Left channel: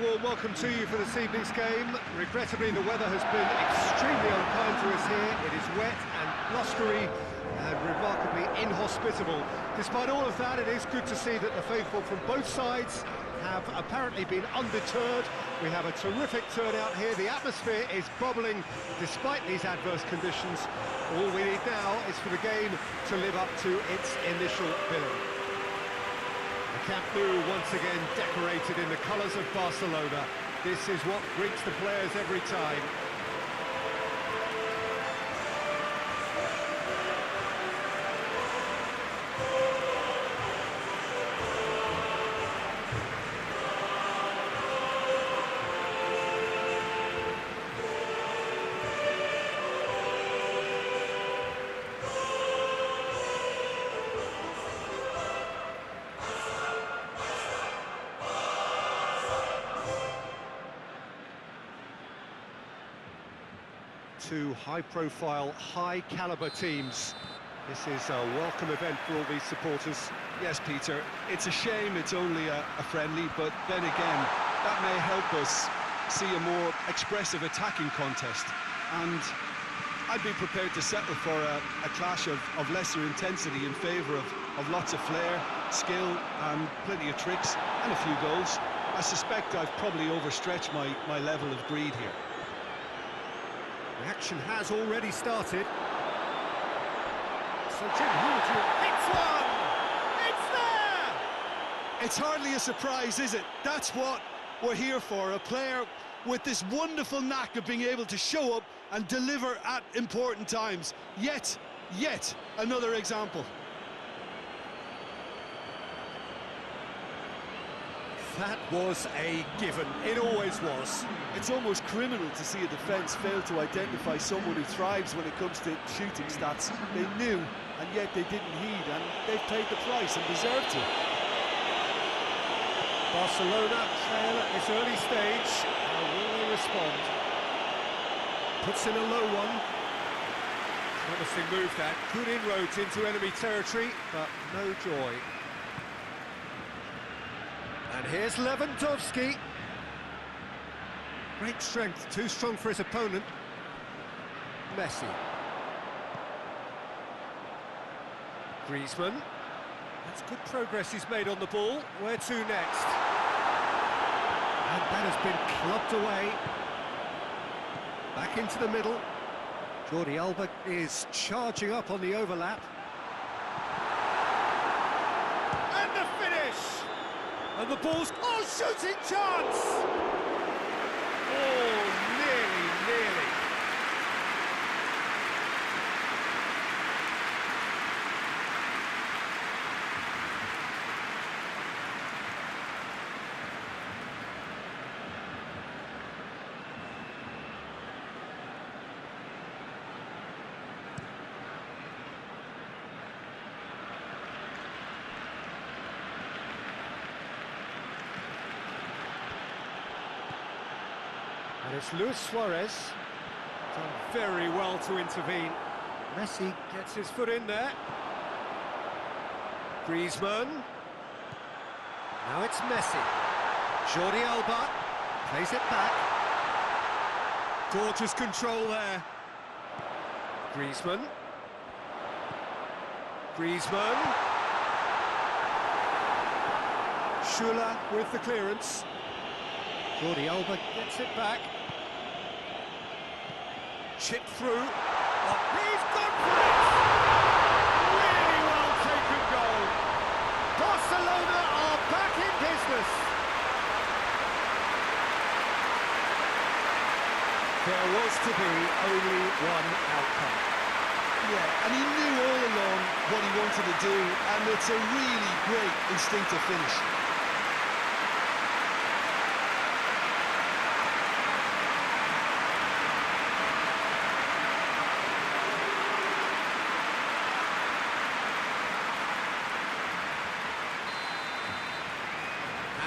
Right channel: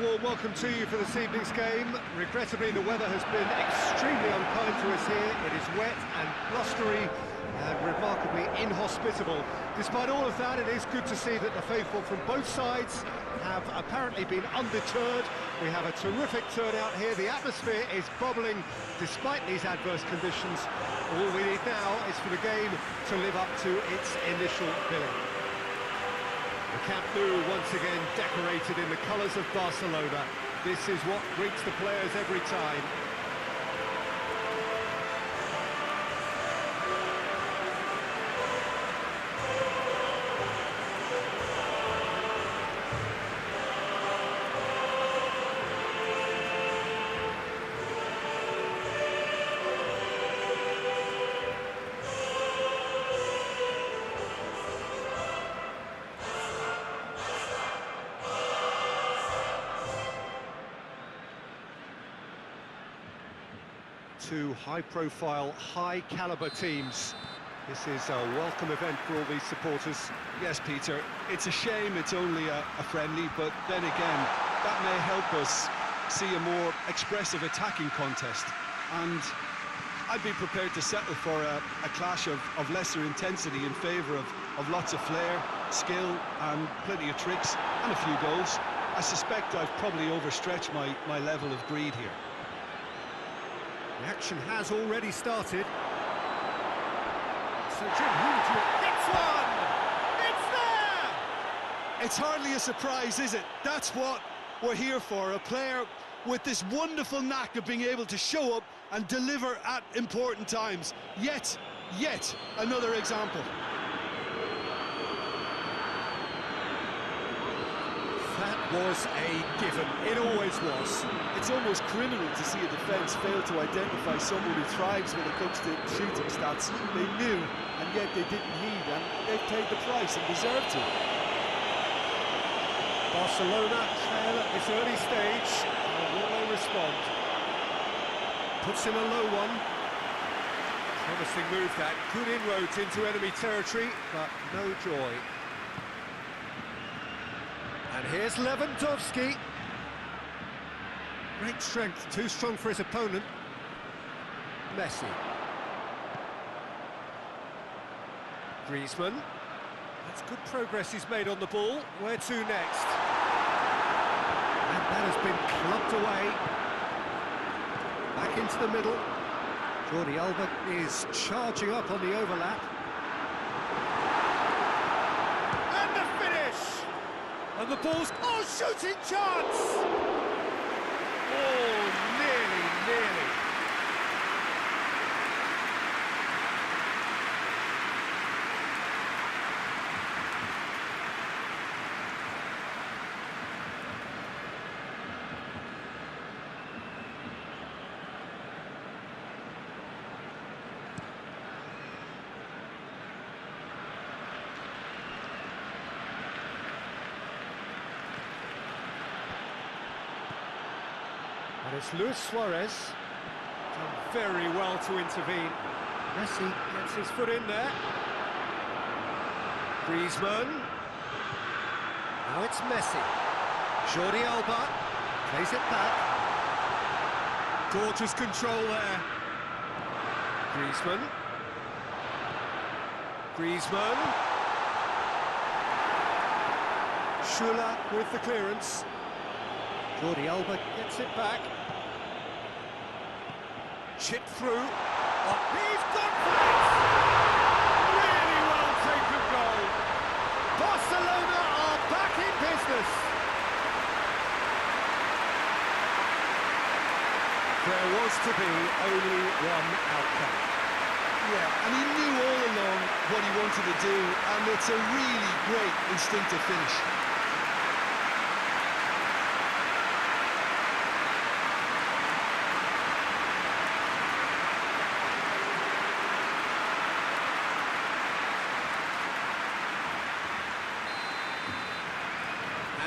warm welcome to you for this evening's game. Regrettably, the weather has been extremely unkind to us here. It is wet and blustery and remarkably inhospitable. Despite all of that, it is good to see that the faithful from both sides have apparently been undeterred. We have a terrific turnout here. The atmosphere is bubbling despite these adverse conditions. All we need now is for the game to live up to its initial billing. The Camp Nou once again decorated in the colours of Barcelona. This is what greets the players every time. Two high-profile, high-caliber teams. This is a welcome event for all these supporters. Yes, Peter, it's a shame it's only a friendly, but then again, that may help us see a more expressive attacking contest. And I'd be prepared to settle for a clash of lesser intensity in favour of lots of flair, skill, and plenty of tricks, and a few goals. I suspect I've probably overstretched my level of greed here. The action has already started. So, Jim, who would you... It's one! It's there! It's hardly a surprise, is it? That's what we're here for, a player with this wonderful knack of being able to show up and deliver at important times. Yet another example. That was a given. It always was. It's almost criminal to see a defence fail to identify someone who thrives when it comes to shooting stats. They knew, and yet they didn't heed, and they've paid the price and deserve to. Barcelona trail at this early stage. How will they respond? Puts in a low one. Promising move that. Good inroads into enemy territory, but no joy. And here's Lewandowski. Great strength, too strong for his opponent. Messi. Griezmann. That's good progress he's made on the ball. Where to next? And that has been clubbed away. Back into the middle. Jordi Alba is charging up on the overlap. And the finish! And the ball's... Oh, shooting chance! Oh, nearly. And it's Luis Suarez. Done very well to intervene. Messi gets his foot in there. Griezmann. Now it's Messi. Jordi Alba plays it back. Gorgeous control there. Griezmann. Schüller with the clearance. Jordi Alba gets it back. Chip through. Oh, he's gone for it! Really well taken goal. Barcelona are back in business. There was to be only one outcome. Yeah, and he knew all along what he wanted to do, and it's a really great instinctive finish.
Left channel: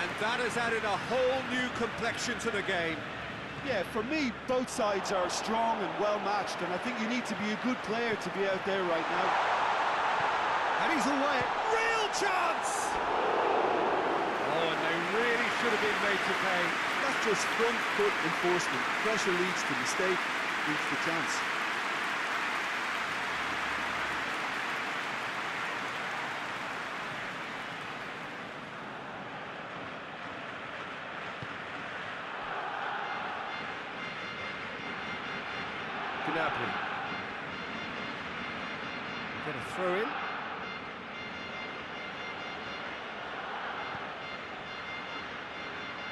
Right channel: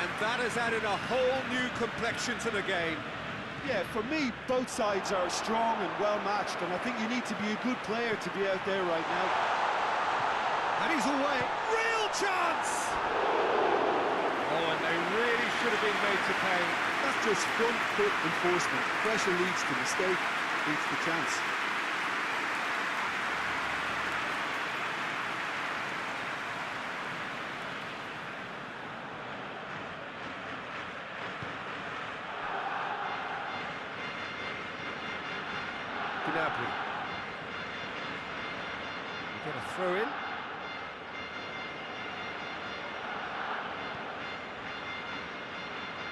And that has added a whole new complexion to the game. Yeah, for me, both sides are strong and well-matched, and I think you need to be a good player to be out there right now. And he's away. Real chance! Oh, and they really should have been made to pay. That's just front foot enforcement. Pressure leads to mistake, leads to chance. Gnabry. Get a throw in.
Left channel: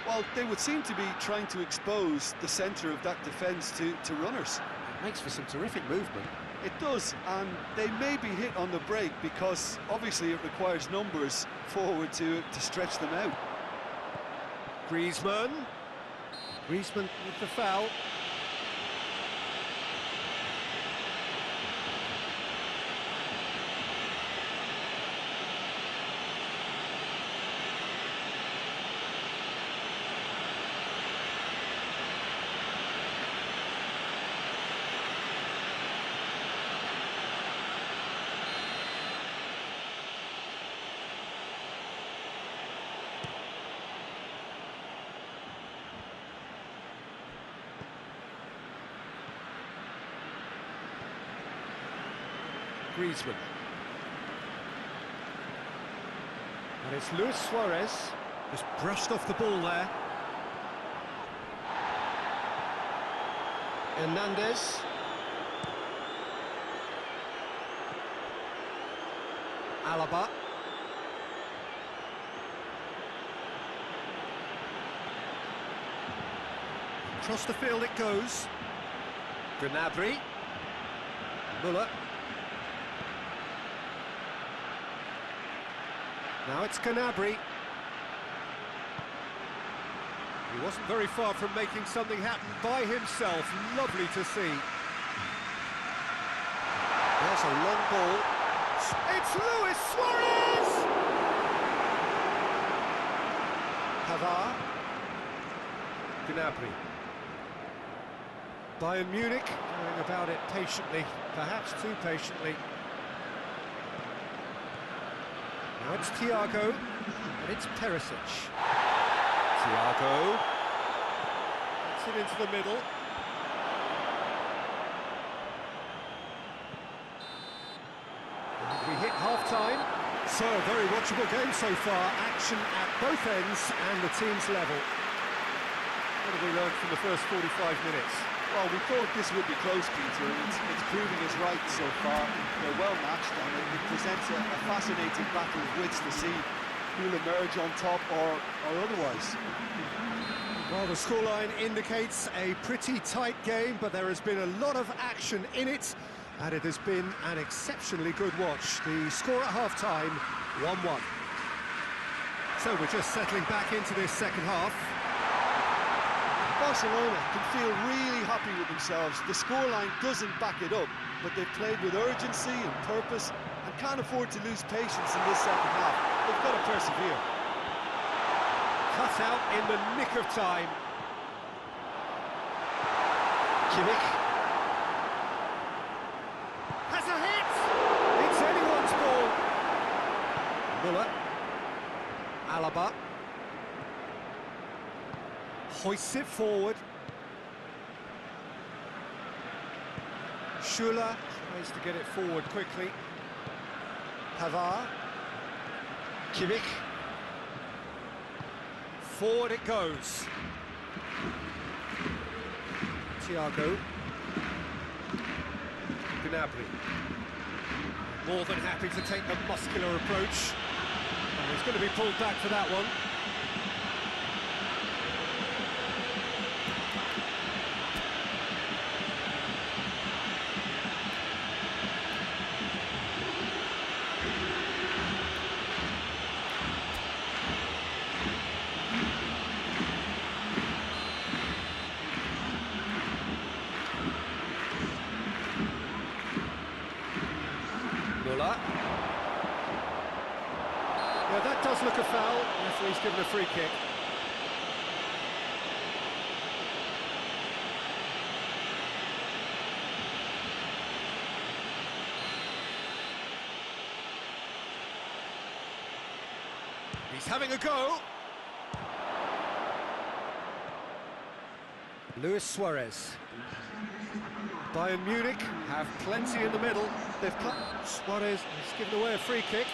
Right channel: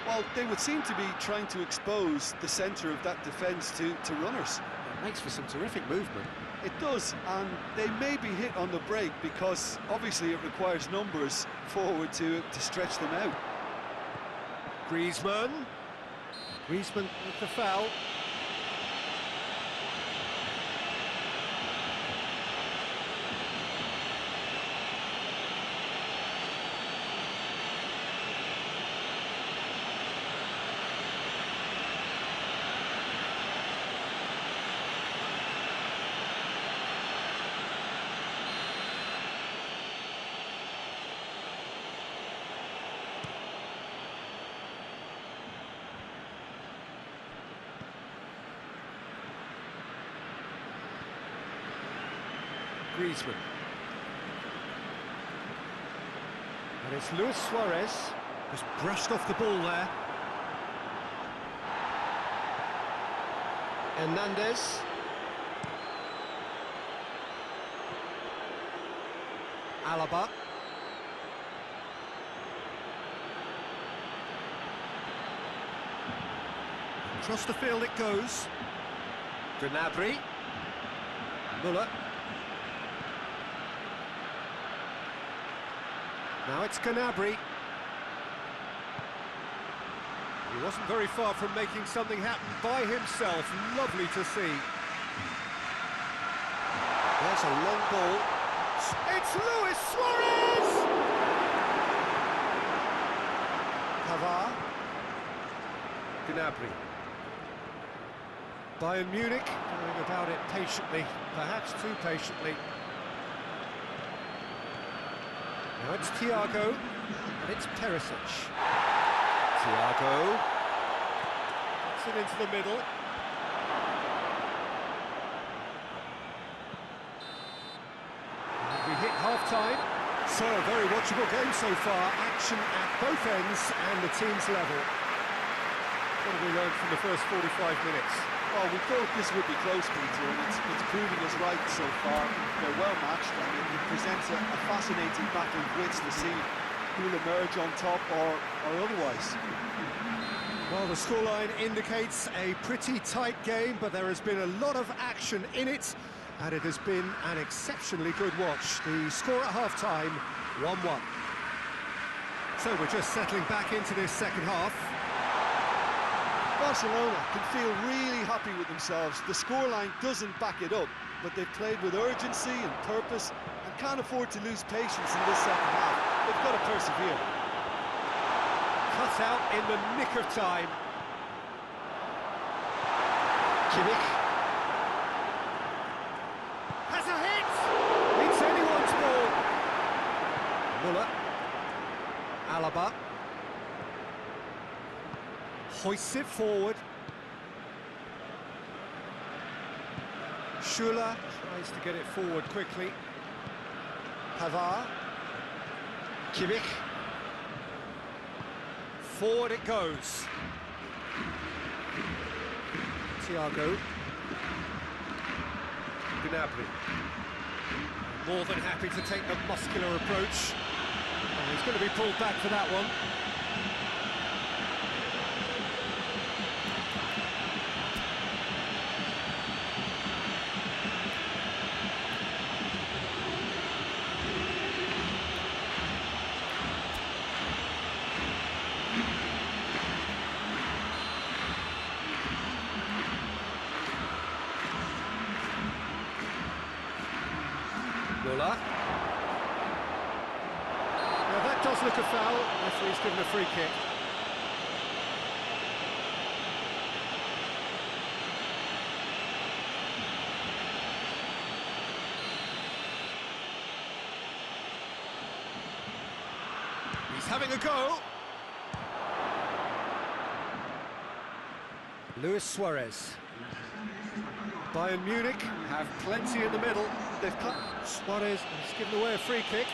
Well, they would seem to be trying to expose the centre of that defence to runners. It makes for some terrific movement. It does, and they may be hit on the break because obviously it requires numbers forward to stretch them out. Griezmann. Griezmann with the foul. Griezmann. And it's Luis Suarez, just brushed off the ball there. Hernandez. Alaba. Across the field it goes. Gnabry. Müller. Now it's Gnabry. He wasn't very far from making something happen by himself. Lovely to see. There's a long ball. It's Luis Suarez! Pavard. Gnabry. Bayern Munich going about it patiently, perhaps too patiently. Now it's Thiago, and it's Perisic. Thiago. Gets it into the middle. And we hit half-time. So, a very watchable game so far. Action at both ends and the team's level. What have we learned from the first 45 minutes? Well, we thought this would be close, Peter, and it's proving us right so far. They're well matched, and it presents a fascinating battle of wits to see who'll emerge on top or otherwise. Well, the scoreline indicates a pretty tight game, but there has been a lot of action in it, and it has been an exceptionally good watch. The score at half-time, 1-1. So we're just settling back into this second half. Barcelona can feel really happy with themselves. The scoreline doesn't back it up, but they've played with urgency and purpose and can't afford to lose patience in this second half. They've got to persevere. Cut out in the nick of time. Kimmich. Has a hit! It's anyone's ball. Müller. Alaba. Hoists it forward. Schuller tries to get it forward quickly. Pavard. Kimmich. Forward it goes. Thiago. Gnabry. More than happy to take the muscular approach. And he's going to be pulled back for that one. Müller. Yeah, that does look a foul. Referee's given a free kick. He's having a go. Luis Suarez. Bayern Munich have plenty in the middle. Suarez has given away a free kick.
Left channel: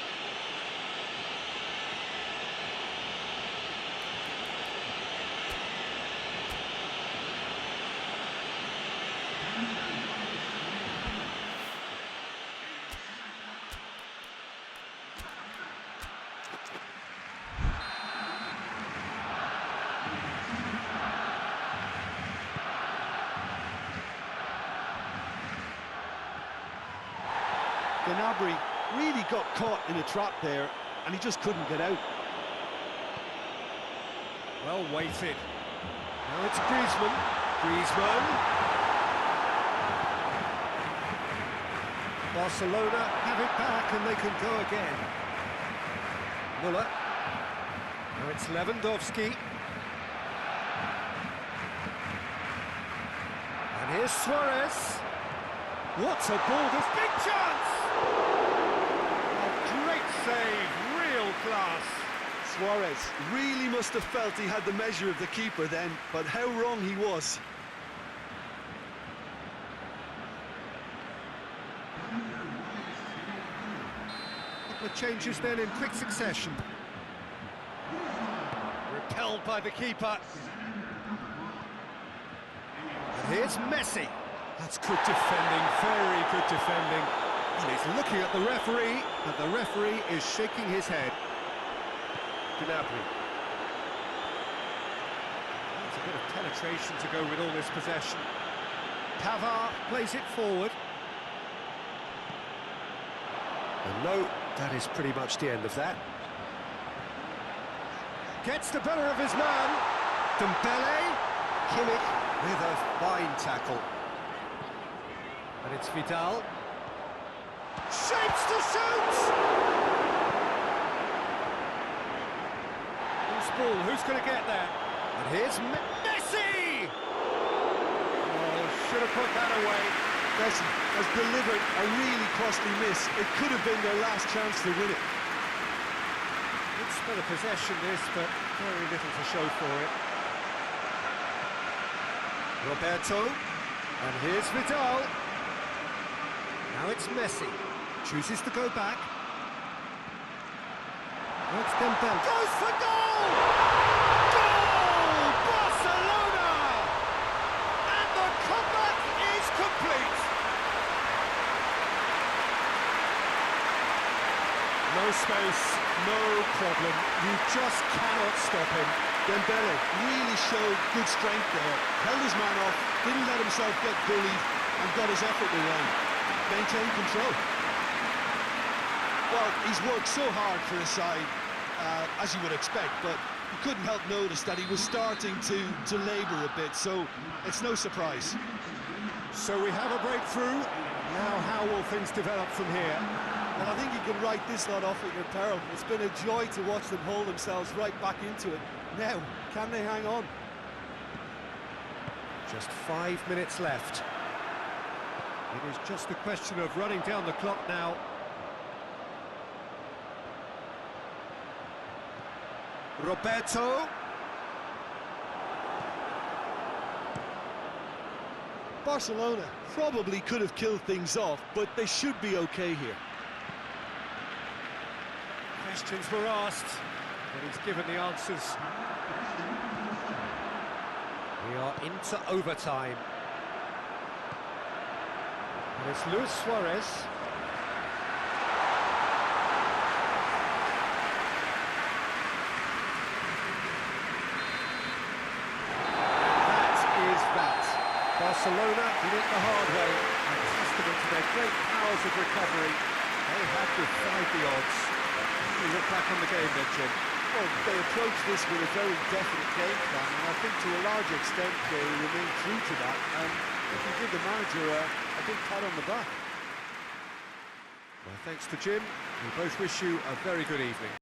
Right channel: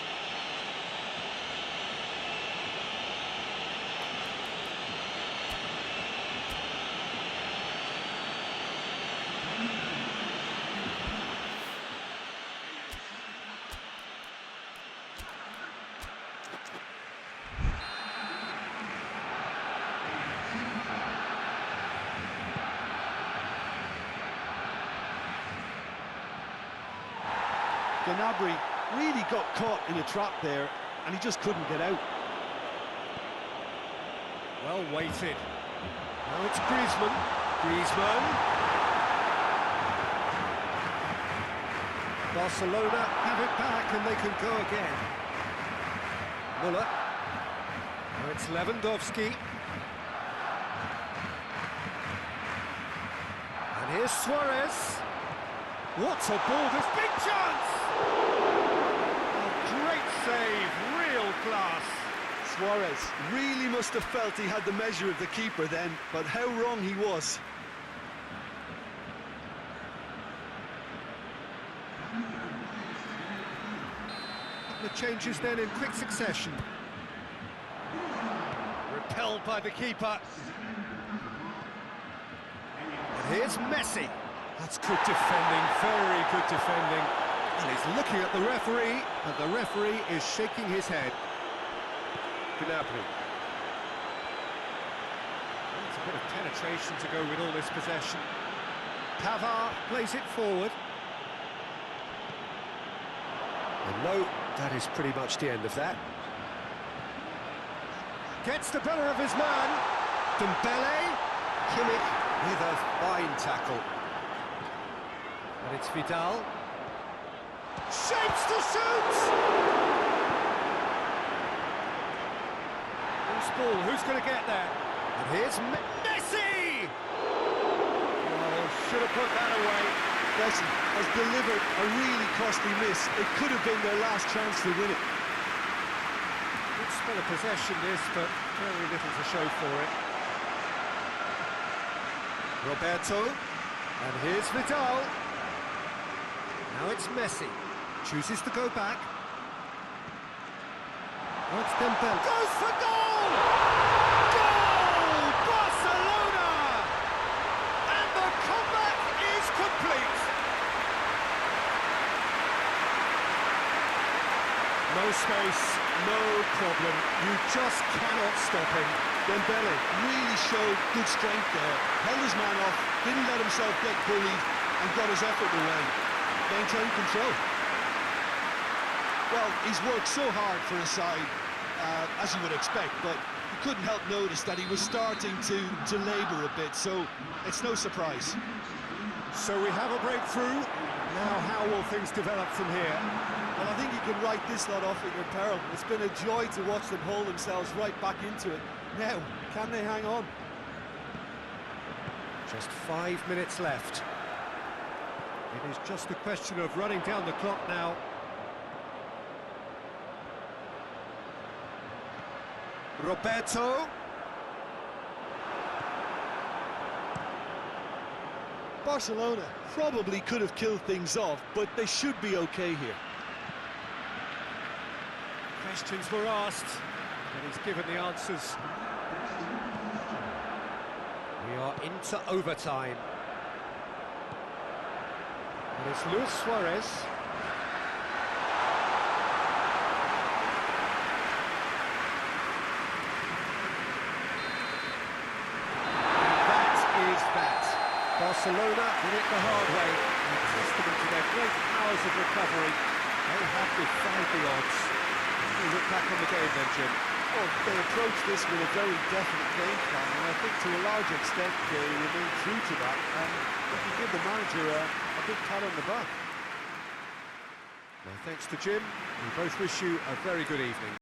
Gnabry really got caught in a trap there, and he just couldn't get out. Well weighted. Now it's Griezmann. Griezmann. Barcelona have it back and they can go again. Müller. Now it's Lewandowski. And here's Suarez. What a ball, this big chance! A great save, real class. Suarez really must have felt he had the measure of the keeper then, but how wrong he was. Couple of changes then in quick succession. Repelled by the keeper. And here's Messi. That's good defending, very good defending. And he's looking at the referee, and the referee is shaking his head. Gnabry. It's a bit of penetration to go with all this possession. Pavard plays it forward. And no, that is pretty much the end of that. Gets the better of his man. Dembele. Kimmich with a fine tackle. And it's Vidal. Shapes to shoot! Loose ball, who's going to get there? And here's Messi! Oh, should have put that away. Messi has delivered a really costly miss. It could have been their last chance to win it. Good spell of possession this, but very little to show for it. Roberto. And here's Vidal. Now it's Messi. Chooses to go back. Now it's Dembele. Goes for goal! Goal! Barcelona! And the comeback is complete. No space, no problem. You just cannot stop him. Dembele really showed good strength there. Held his man off, didn't let himself get bullied, and got his effort away. Maintain control. Well, he's worked so hard for his side, as you would expect, but you couldn't help notice that he was starting to labour a bit, so it's no surprise. So we have a breakthrough. Now how will things develop from here? Well, I think you can write this lot off at your peril. It's been a joy to watch them haul themselves right back into it. Now, can they hang on? Just 5 minutes left. It is just a question of running down the clock now. Roberto. Barcelona probably could have killed things off, but they should be okay here. Questions were asked, but he's given the answers. We are into overtime. And it's Luis Suarez. And that is that. Barcelona did it the hard way. A testament to their great powers of recovery. They have defied the odds. We look back on the game then, Jim. Well, they approached this with a very definite game plan, and I think to a large extent they remain true to that, and we can give the manager a big pat on the back. Well, thanks to Jim. We both wish you a very good evening.